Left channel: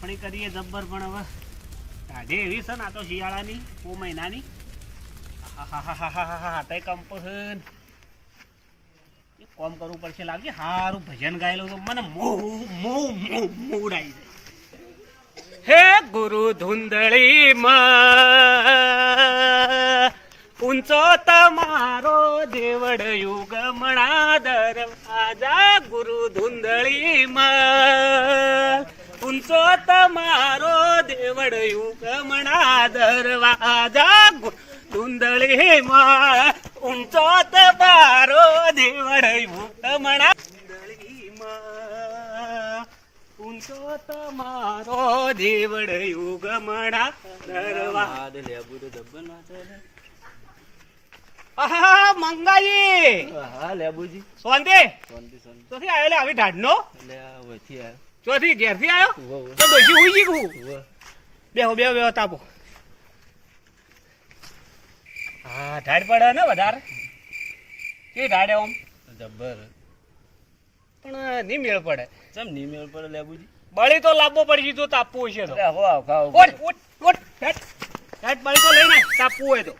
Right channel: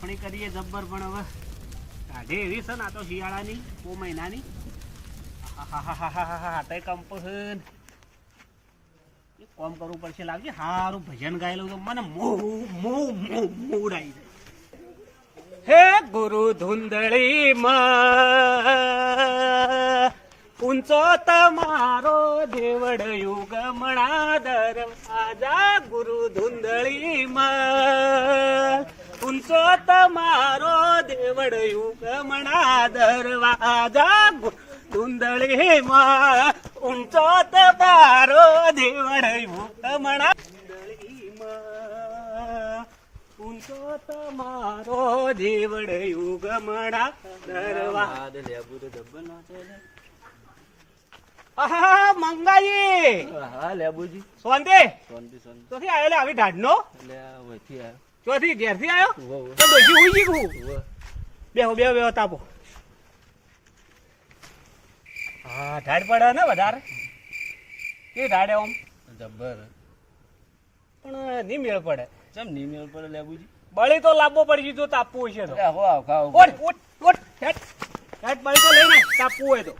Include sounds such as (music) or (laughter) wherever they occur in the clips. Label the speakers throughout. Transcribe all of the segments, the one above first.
Speaker 1: યાર ને શું કરું તાપણી કરીએ જબ્બર પણ હવે. કાઢે એવી છે ને આ તો શિયાળાની ઓ મહિનાની. આહાહાહાહાહા, તઈ કંપો છે ને. એક કોમ કરવું પડશે લાગશે હારું ભજન ગાયેલું તો મને મો મો મો મૂડ આવી જાય. હે ગુરુ ધુંધળી માં ઊંચો તમારો દેવડ યુગ મણા દરવાજા ગુરુ ધુંધળી માં ઊંચો તમારો દેવડ યુગ મણા દરવાજા ધુંધળી માં ઊંચો તમારો દેવડ યુગ મણા ધુંધળી ઊંચો તમારો દેવડ યુગ દરવાજા. દરવા આહા મંગાજી
Speaker 2: હા લેબુજી સોંદે
Speaker 1: સોંદે સોંદે તો આવી ઢાઢનો?
Speaker 2: એટલે આ આવ્યો
Speaker 1: ચોથી ઘેરથી. તો ડોશી ઉઈ ગઈ હું
Speaker 2: ઉવ્વ.
Speaker 1: બેહો બેહો બેહો તાપો. હા ઢાઢ પડે ને વધારે? કે ઢાઢે ઓમ
Speaker 2: જબ્બર.
Speaker 1: પણ નહીં મેળ પડે.
Speaker 2: ચમ નહીં મેળ પડે લેબુજી
Speaker 1: બળી તો લાંબો પડી જો તાપવું હશે તો.
Speaker 2: અરે આવ ખાવ
Speaker 1: ઓટ ઓટ ઓટ હેટ. હેટ બળી તો લઈને તાપવું હોય તો.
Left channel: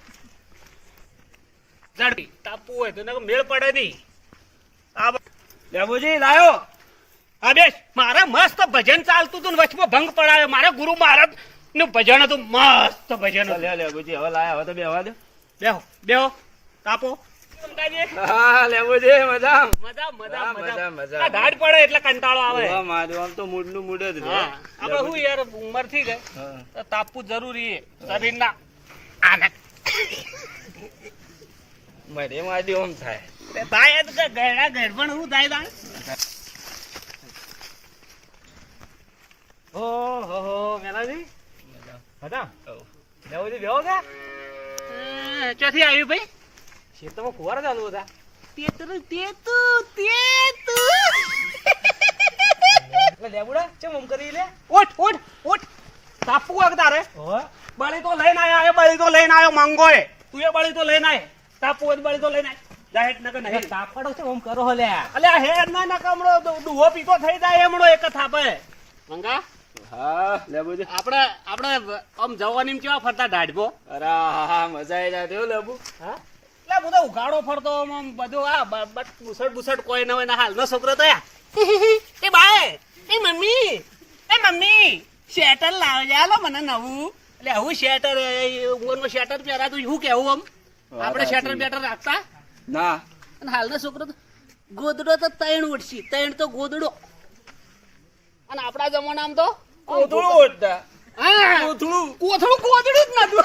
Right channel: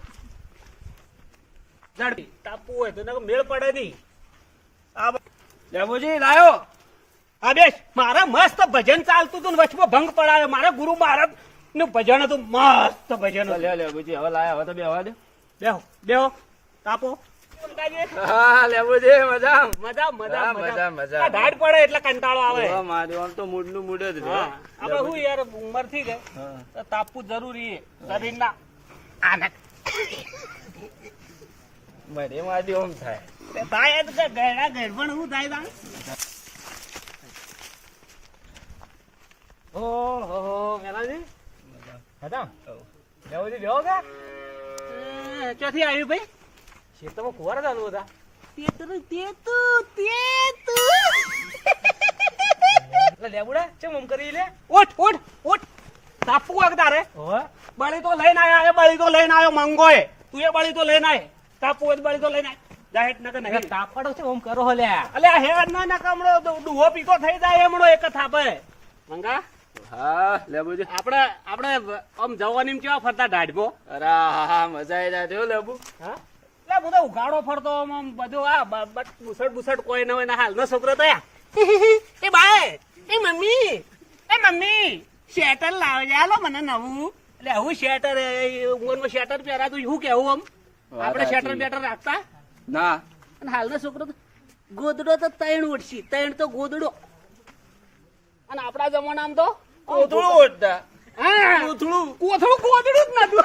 Speaker 1: ઝડપી તાપવું હોય તો મેળ પડે નહીં. આ લેબુજી લાયો. હા મારા મસ્ત ભજન ચાલતું હતું ને વચમાં ભંગ પડાયો. મારા ગુરુ મહારાજનું ભજન હતું મસ્ત ભજન લે
Speaker 2: લે બુજી હવે લાયા હવે તો બેહવા દે.
Speaker 1: બેહો બેહો તાપો
Speaker 2: હા હા,
Speaker 1: હા. તાપવું જરૂરી
Speaker 2: મારે મારી થાય.
Speaker 1: કે ગયડા શું થાય તાણ ઓ હો હો મેલાજી હતા લેવજી બેહો કે ચોથી આવ્યું ભાઈ? ખેતરમાં કુવાર ચાલુ હતા. તેતરું તેતું તેતું. લેબુડા ચમ આમ કરી લે? ઓટ ઓટ ઓટ તાપવું એક તારે. બળી તો લઈને આયા એ બળી તો લઈને આયો મંગો એ તું એ બળી તો લઈને આય. તાપુ તો બળી તો લઈને આય. જાહેર નકર નહીં.
Speaker 3: તાપડો છે ઓમ કરો લ્યા?
Speaker 1: અલે આ હેડ ના ના કમળો ડુહો પીતો થઈ જાય એમણો એક થાપે. મંગા
Speaker 2: હા લેબુજી
Speaker 1: આપણે આપણે આમ જવાની કેવા ફરતા ઢાઢબો
Speaker 2: અરે હા હા મજા આવી જાય લેબુ
Speaker 1: હા? એટલે બધો ઉઘાડો ફરતો આમ આમ બધું આ બટ બુસટ બુસટ કોઈ ન હોય ને હાલનો છોકરો તો (laughs) એ બાય એ મમ્મી એ મમ્મી શેટર લાવજે હાલો મને નવું. એટલે હું શેટર ઉંમરમાં શેટર પહેરાતું શું કેવું આમ? આપણે શેટર બેટર રાખતા?
Speaker 2: ના.
Speaker 1: અને હાલનો છોકરો તો ગોદડો તો તૈણ ઉઠશી તૈણ તો ગોદડો. અને આપણા જમાનામાં તો
Speaker 2: કોથળું ઓઢતા કોથળું.
Speaker 1: કોથળું કોથળું જ નતું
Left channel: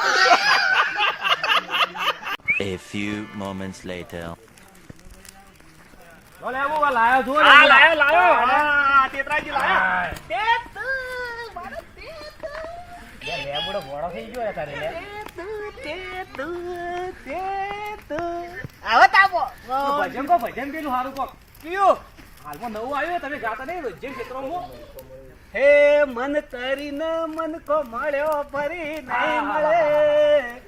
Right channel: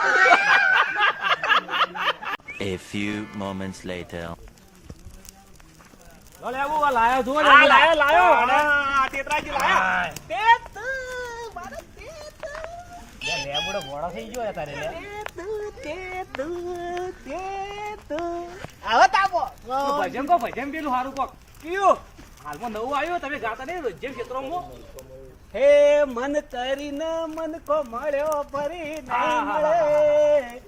Speaker 4: A few moments later.
Speaker 1: આ લાયો લાયો આ તેતરાજી લાયો. તેત મારો તેત.
Speaker 3: લેબુડો ભોળો થઈ ગયો તારે લે.
Speaker 1: તેત તેત આવો તાપો
Speaker 3: ભજન કો ભજન પેલું સારું કોક.
Speaker 1: કયું?
Speaker 3: હાલમાં નવું આવ્યું તમે ગાતા નહીં રોજ ક્ષેત્રોમાં
Speaker 1: હે મન તરીને મન કો મળ્યો ફરી નહીં મળે.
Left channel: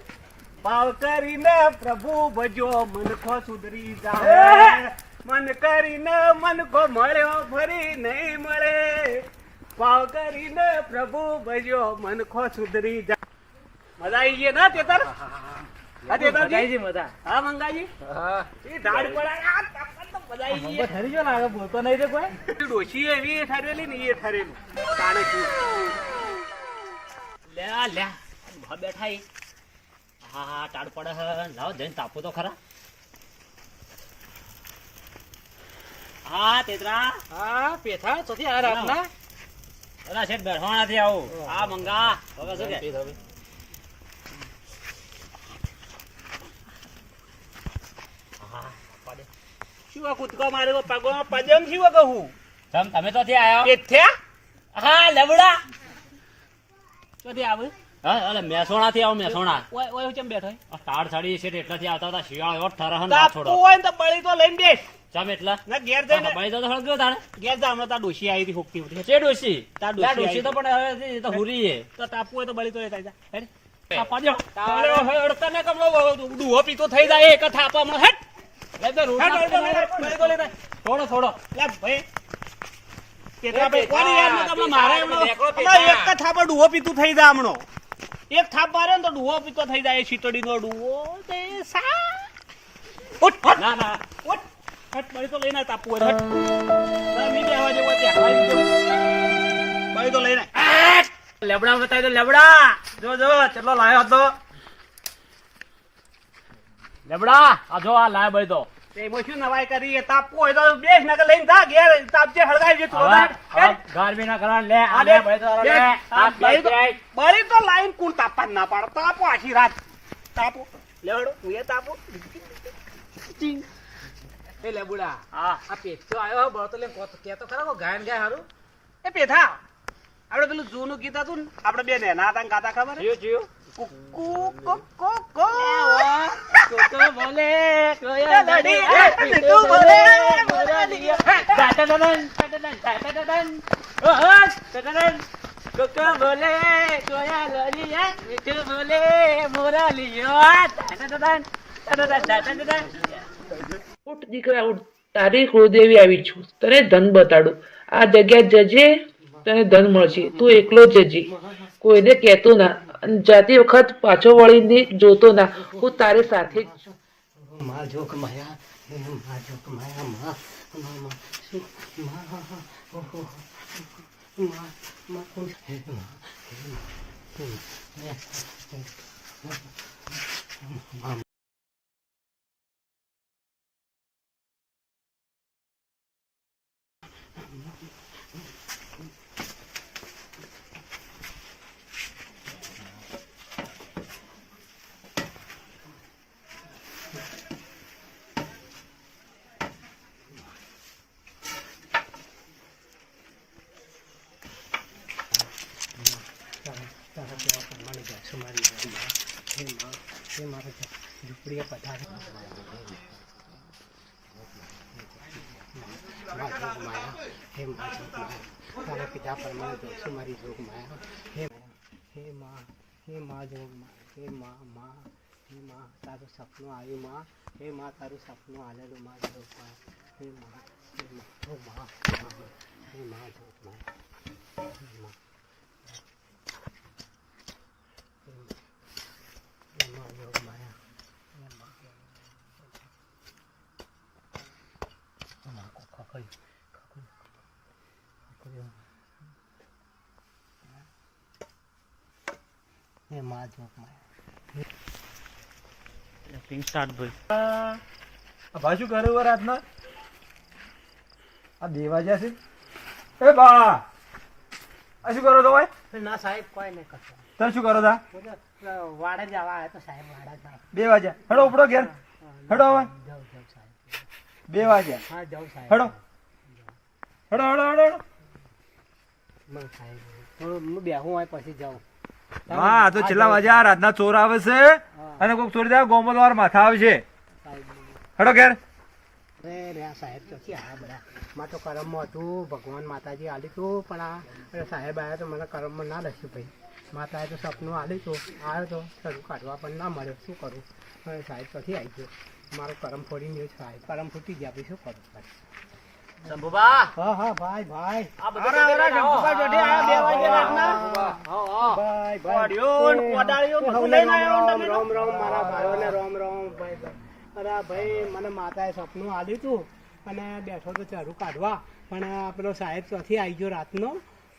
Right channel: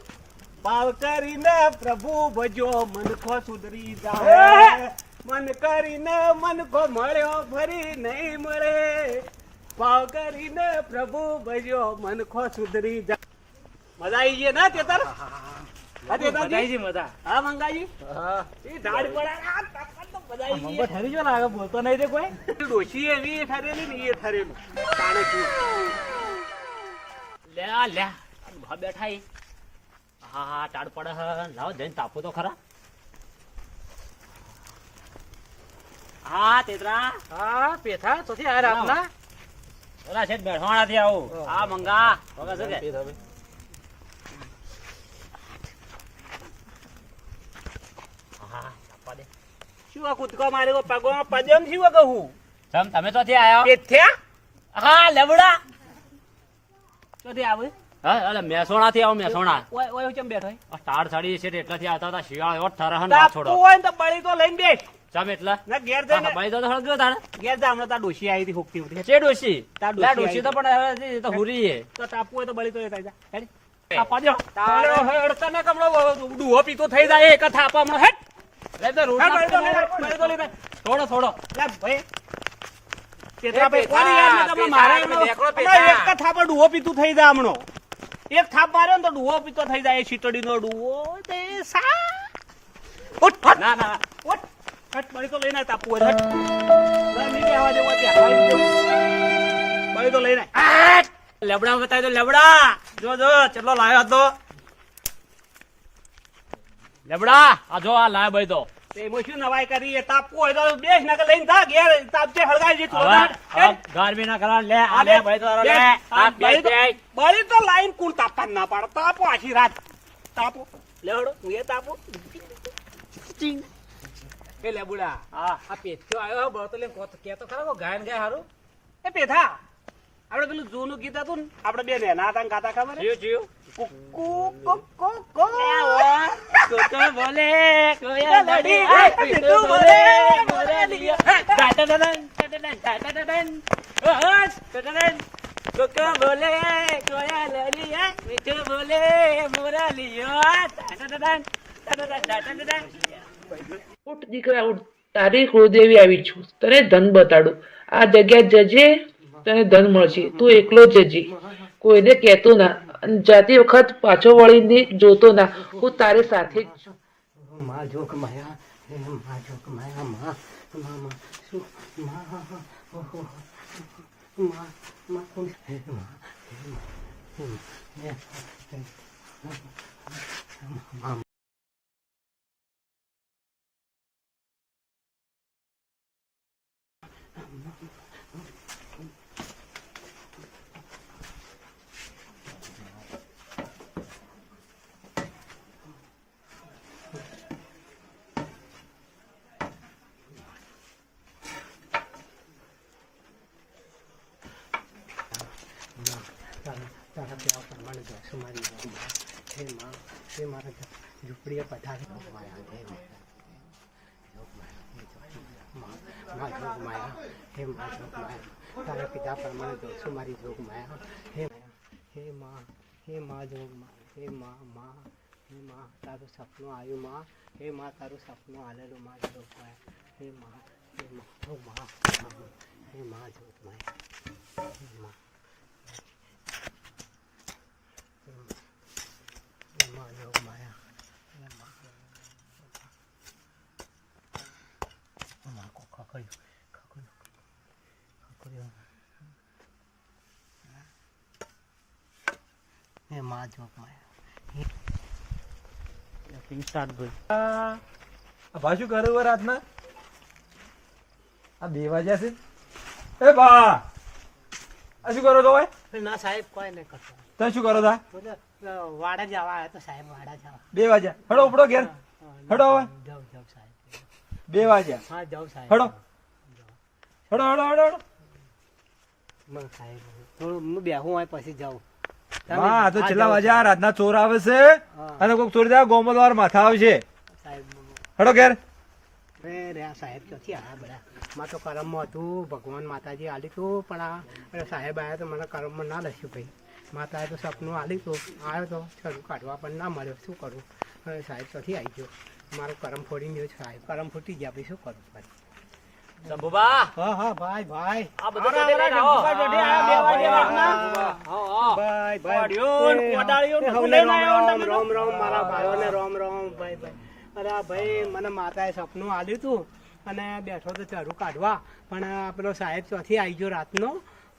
Speaker 1: ભાવ કરીને પ્રભુ ભજો મન કો સુધરી! જાય મન કરીને મન કો મળ્યો ફરી નહીં મળે. ભાવ કરીને પ્રભુ ભજો મન કો સુધરી જાય મજા આવી ગઈ ના તેતર હા તેતરજી?
Speaker 3: બધાય મજા
Speaker 1: હા મંગાઈ
Speaker 2: હા.
Speaker 1: એ ધાડ પડા તો
Speaker 3: મંગો ઠરી ગયો ને આગળ બોલતો નહીં રે કોઈ?
Speaker 1: ડોશી એવી ઠરેલી ને એ ઠરેલું. તાણે શું? લે લે ભા બેઠા ઈ. હા હા ટાળ પડે હે. લાવો જઈને તાપો તો ખરા. હા તેતરા.
Speaker 3: હા પેથા તોથી આ રાતના.
Speaker 1: ઓલા છે બેઠવાના થી આવું. હા મંગા. વગર શું કે? હા તાપવા દે. શું આ કૂદકો મારે પગમાં પદમ શું કહું
Speaker 3: તમ તમે તોથી આયો
Speaker 1: એ થયા? હા લવડા. આવે?
Speaker 3: હા મેસોણા થી આવો મેસોણા
Speaker 1: ઓય ઓય હું ચમ બેઠો
Speaker 3: આ ટાળ છાડી છે એટલાથી આવતા હતા શિયાળો એવો ઠરહન ના છોડો
Speaker 1: હોય તો બળી તો લઈને બેસ.
Speaker 3: ચમ એટલા?
Speaker 1: ના ઘેર જઈને
Speaker 3: ભાઈ તો હળગ્યો તાણે.
Speaker 1: ઘેર જા હમણાં તાર ડોશી આવી હતી
Speaker 3: તો પણ હવે તો હુરી હે
Speaker 1: તો તાપવું હોય તો બળી તો એ થાય હેડ.
Speaker 3: આપા દ્યો.
Speaker 1: તાળો હેડતા ને કમળો ડુહો પીતો થઈ જાય એક થાપા હેડ.
Speaker 3: થોડો થોડો.
Speaker 1: ભાઈ.
Speaker 5: મારે. એક જ ડુઓ પીતું થઈ જાય હમણો. એક થાપ માર્યો ને તો ડુઓ પીતો થઈ જાય સા
Speaker 3: ના ના.
Speaker 5: હટ બળી તો લઈને તાપુ હટ. તો લઈને.
Speaker 3: લેબડા બતાવી દો લેબડા જો જો ચેટલો લાયો હતો. લેબડા આ જો આ લાય ભાઈ તો
Speaker 5: એમાં શું નવાઈ કરી? એ હોય તો બેસ ને લઈને થા ઘેર તાપજે હળગાઈ જે
Speaker 3: હવે હવે ના કરા લે આ લે ભાઈ તો લે. આ બે બે
Speaker 5: બળી તો લાઈન કુણ તાપવા ના પાડે? તાપો આખી રાત. તાપો. લેવડો એ તાપો.
Speaker 6: એ લેબુડા
Speaker 5: હા.
Speaker 6: આ તો આવ્યો બળતો લે કેતો ખરા કો ગાયન ગાય હારું?
Speaker 5: એ પેથા આપણે પેલું જૂનું ગીત હતું ને આપડે બે નેના હતા ગાતા ખબર.
Speaker 7: ઉઠ દીકરા ઉઠ તારી કુળદેવી આવી છું તને ધન બતાડું આ જગ્યા જજે તને ધન મળશે તું એકલો જ જજે કોઈને કહેતો ના જાતિ વખત પાછો વળીને જોતો ના હું તારી સાથે જ
Speaker 5: માં માં માં કોણ હે માં હે માં હે માં તારા પ્યાર પ્રમાણે જશો મારી ઘરમાં. હે માં હે મારા ઝૂંપડીએ પધારે માં જોગ માયા હે માં જોગ માયા તારા પિતા પ્રમાણે જોશો મારી જોગ માયા હે હે માં હે માં જોગ માયા હે માં માં હે માં તારું સપનું આવ્યું માં હે માં તારું સપનું આલેલું માં જોગ માયા હે માં હે માં ઓ માં માં. હે માં જોગ માયા હે માં એમાં યોગ માયા એમાં એમાં કો ખખડ્યું ખખડ્યું ખખડ્યું એમાં જોગ માયા
Speaker 8: ભા શું કરે વર રાતના? આ બે વાગ્યા છે? એ બા! આ શું કરો તો ભાઈ?
Speaker 5: ના સાહેબ કોઈ નહીં કરતો.
Speaker 8: તમે શું કરો તા
Speaker 5: વાડે જવા આવે તો સાહેબ વાડે જાય
Speaker 8: બે વાગ્યા હડો ઉપડો ઘેર. હડો હવે.
Speaker 5: જાઉં જાઉં સાહેબ.
Speaker 8: બે વાગ્યા
Speaker 5: હા જાઉં સાહેબ.
Speaker 8: હડો. હડો હડો હડો હડો.
Speaker 5: સાહેબ થોડું હું બેહું હોય પછી જાઉં.
Speaker 8: હા તો છેલ્લા આ રાતના ચોર આવે છે. અને કોઈક ચોરી જાય ગોમલ વાર માથા આવે છે હડો ઘેર.
Speaker 5: સાહેબ ક્યાંથી આવ્યા બધા? માં તો કરમમાં હતું ભગવાન માતાજી આલી હતું પણ આ સાહેબ આવ્યા તો મને કરમમાં ના લખ્યું ભાઈ. માતાએ તો સપનું આલી હતું આવ્યો તો ખરું કાઢવા પણ ના મળ્યો. શું કરું? સાહેબ પછી આવી ગયો? મારો કરમ ફોડી ગયો સાહેબ. કરમ ફૂટી ગયા ભાઈ શું કરું? ભાઈ
Speaker 3: શંભુબા
Speaker 5: હા હા ભાઈ ભાઈ.
Speaker 3: આ બધું.
Speaker 5: ભાઈ
Speaker 3: બધું
Speaker 5: રામ રામ મારા ભાઈઓને રામ રામ ભાઈ ભાઈ. અરે ભાઈ મને માતાએ સપનું આલ્યું તું અને બેઠો તો ચારું કાઢવા. પણ પેલો સાહેબ ચોથી આવી ગયો રાતનો.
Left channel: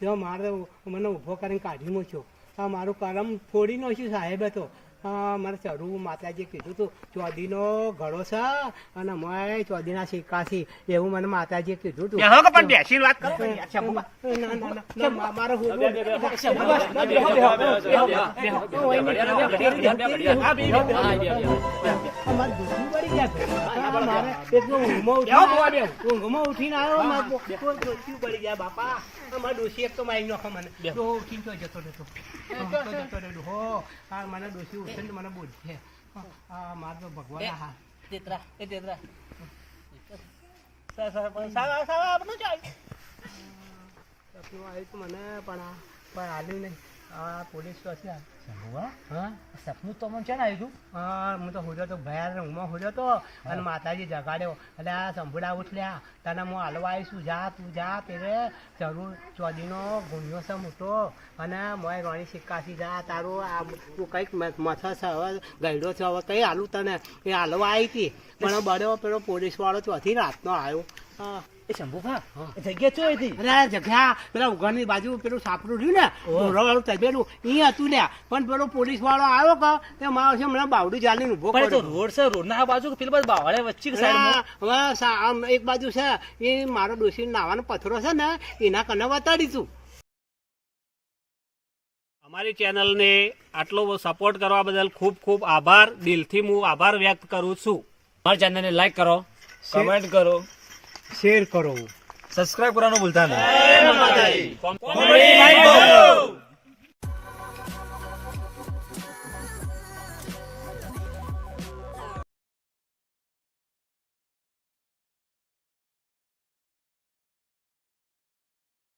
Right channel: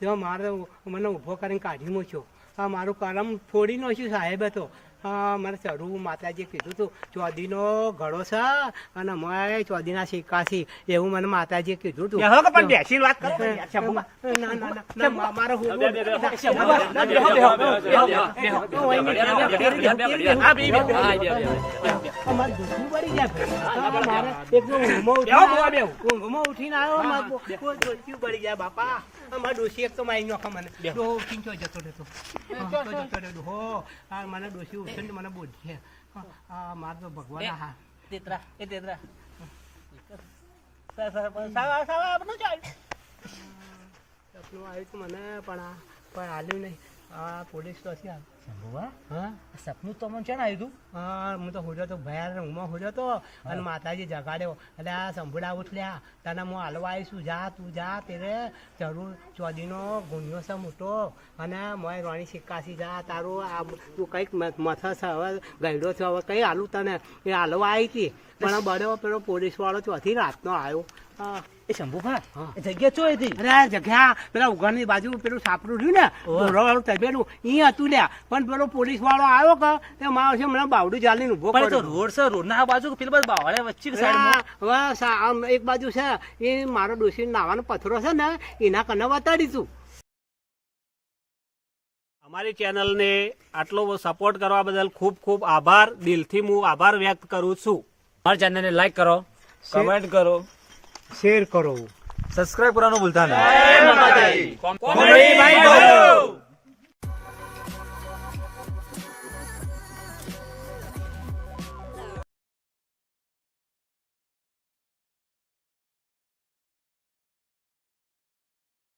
Speaker 5: તો મારે મને ઊભો કરીને કાઢી મૂક્યો. આ મારું કરમ ફોડી નાખ્યું સાહેબે સાહેબ હા મારે ચરું માતાજીએ કીધું હતું ચોદીનો ઘડો છે અને મેં ચોદીના સિક્કાથી એવું મને માતાજીએ કીધું હતું વાત ના ના મા- મારો મારે ઊંઘમાં ઉઠીને આવ્યો. મારે દુખવું પડી ગયા બાપા અમારે ડોશી એક તો મારી નોખા મને જતો રહેતો જતો રહેતો. હો મને ડોસી ઉઠીને તો મને છે હા માર તો ભગવાન હા તેતરા એ તેતરા સા- સા- સા- સા- આપણે ચાલ. સપનું આવ્યું મને પણ પણ આલું નહીં. આ પોલીસ હા.
Speaker 6: સપનું તો મને છે ને આવ્યું
Speaker 5: હા હું તો હોજો તો ભયા ઊંઘમાં હોજો તો. અને માતાજી જગાડ્યો. એટલે આ સંભળા ઉઠલ્યા તને હું હાલવા આવીશું. જા તું જા તેરે જરૂર. ચોદીનો ગુણ્યો છે મોટો. અને મોય રાણી સિક્કાસી. જા તારું આ તું કંઈક મથસ હવે ગયડો છે હવે. કંઈ હાલું તને. એ હાલવા આવી હતી પણ બડ્યો પેલો પોલીસ વાળો ચોથી રાતનો આવ્યો. હા.
Speaker 6: એ શંભુભા એ જગ્યા ચો હતી
Speaker 5: અરે આ જગ્યા પેલા ઉઘાડની બાજુ પેલું સાપડું રહ્યું ને વાળું તબેલું ઈ હતું ને પણ પેલો પોલીસ વાળો આવ્યો કે તે મારો છે મને બાવડું ચાલીને
Speaker 6: ઊભો પડે તો રોડ છે રોડ ના બાજુ પેલી બાજુ બાવળે વચ્ચે કે સાઈડમાં?
Speaker 5: હા, હવે સા- આમ એક બાજુ છે એ મારો ડોસી નાવાનો પથરો છે ને એના કને વતાડીશું. અમારી ચેનલને આટલો સપોર્ટ કરવા બદલ ખૂબ ખૂબ આભાર. દિલથી હું આભાર વ્યક્ત કરું છું.
Speaker 3: અમારી ચેનલને લાઈક કરો કમેન્ટ કરો.
Speaker 5: શેર કરો.
Speaker 3: સબસ્ક્રાઇબ કરવાનું ભૂલતા નહીં.